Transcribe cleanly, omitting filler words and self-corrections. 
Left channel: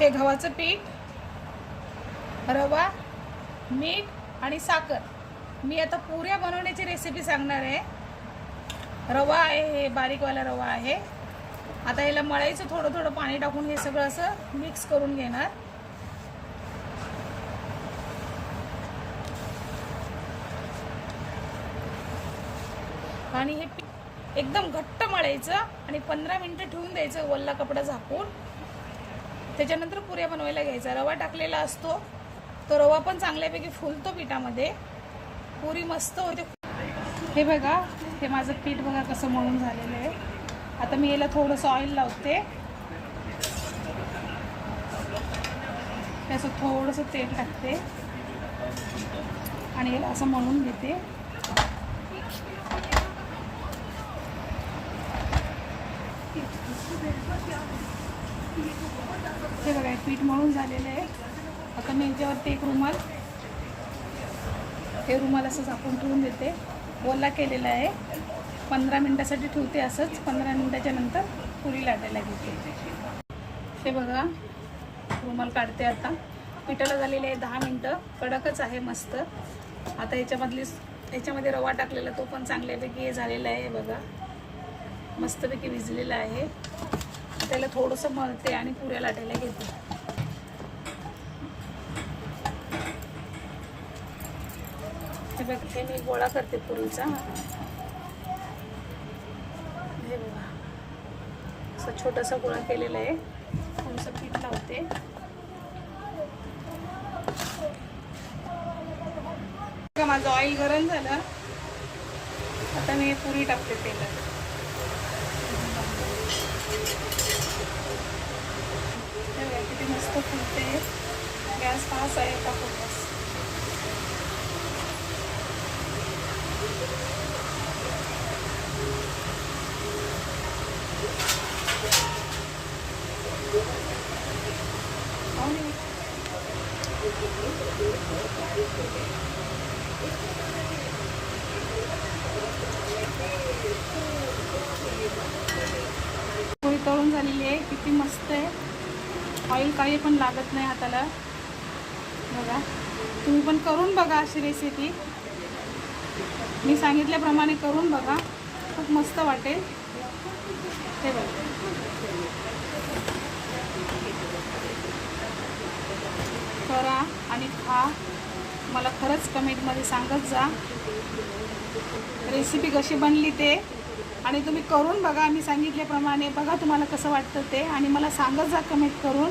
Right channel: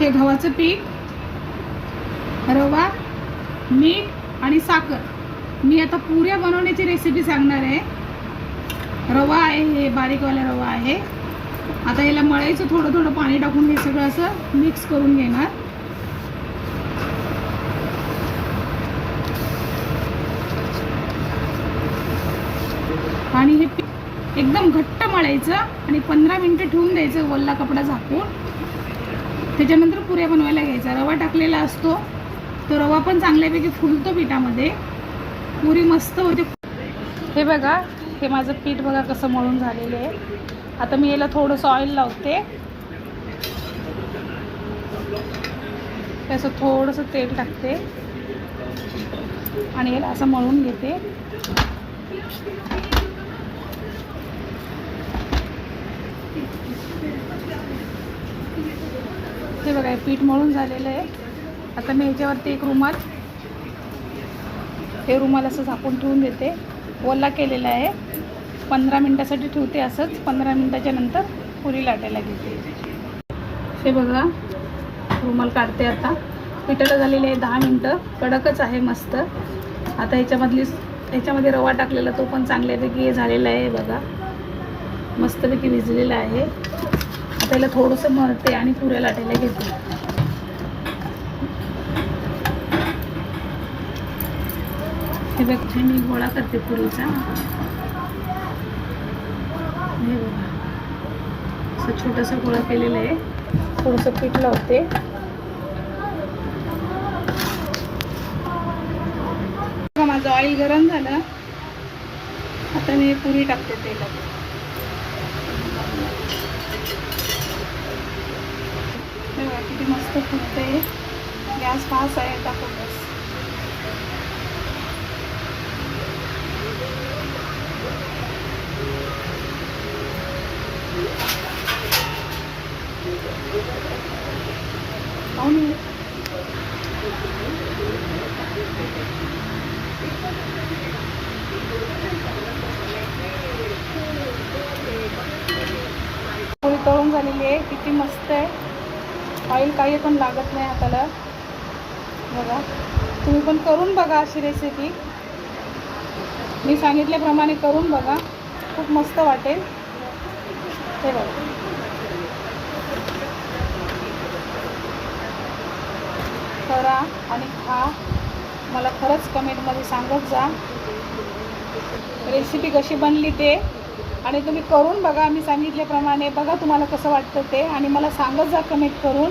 हे गव्हाचं पीठ, रवा, मीठ आणि साखर. मी आता पुऱ्या बनवण्याची रेसिपी सांगणार आहे. रवा आहे, हे बारीकवाला रवा आहे. आता याला मळायचं, थोडं थोडं पाणी टाकून हे सगळं असं मिक्स करून घेणार. आणि हे एकदम घट्ट मळायचं आणि 15 मिनिटं ठेवून द्यायचं वल्ला कपडा झाकून. त्याच्यानंतर पुऱ्या बनवायला घ्यायचा. रवा टाकलेला असतो तो रवा पण चांगल्यापैकी फुलतो पिठामध्ये, पुरी मस्त होते. हे बघा, हे माझं पीठ बघा कसं मळून झालेलं आहे. आता मी याला थोडंसं ऑइल लावते, त्याचं थोडंसं तेल टाकते आणि याला असं मळून घेते. हे बघा, पीठ मळून झालेलं आहे. आता मी ह्याच्यावरती एक रुमाल, हे रुमाल असं झाकून ठेवून देते. ओला केलेला आहे. 15 मिनटासाठी ठेवते असंच. 15 मिनटाच्या नंतर पुरी लाटायला घेते. हे बघा, रुमाल काढते. आता पिठाला झालेले आहे 10 मिनटं. कडकच आहे मस्त. आता ह्याच्यामध्ये रवा टाकलेला तो पण चांगल्यापैकी हे झालेला आहे बघा, मस्तपैकी भिजलेला आहे. आता याला थोडंसं मळते आणि पुऱ्या लाटायला घेते. हे बघते, मी गोळा करते पुरीचा. हे बघा, असं छोटासा गोळा केलेला आहे. थोडंसं पीठ लावते. माझं ऑइल गरम झालं. आता मी पुरी टाकते तेलात. हे बघा किती मस्त फुटते. गॅस फास्ट आहे आता खूपच. पोळी तळून झालेली आहे. किती मस्त आहे. ऑइल काही पण लागत नाही हाताला. बघा, तुम्ही पण करून बघा अशी रेसिपी. मी सांगितल्याप्रमाणे करून बघा, खूप मस्त वाटेल. ते बघा, करा आणि खा. मला खरंच कमेंटमध्ये सांगत जा रेसिपी कशी बनली ते. आणि तुम्ही करून बघा मी सांगितल्याप्रमाणे. बघा तुम्हाला कसं वाटतं ते आणि मला सांगत जा कमेंट करून.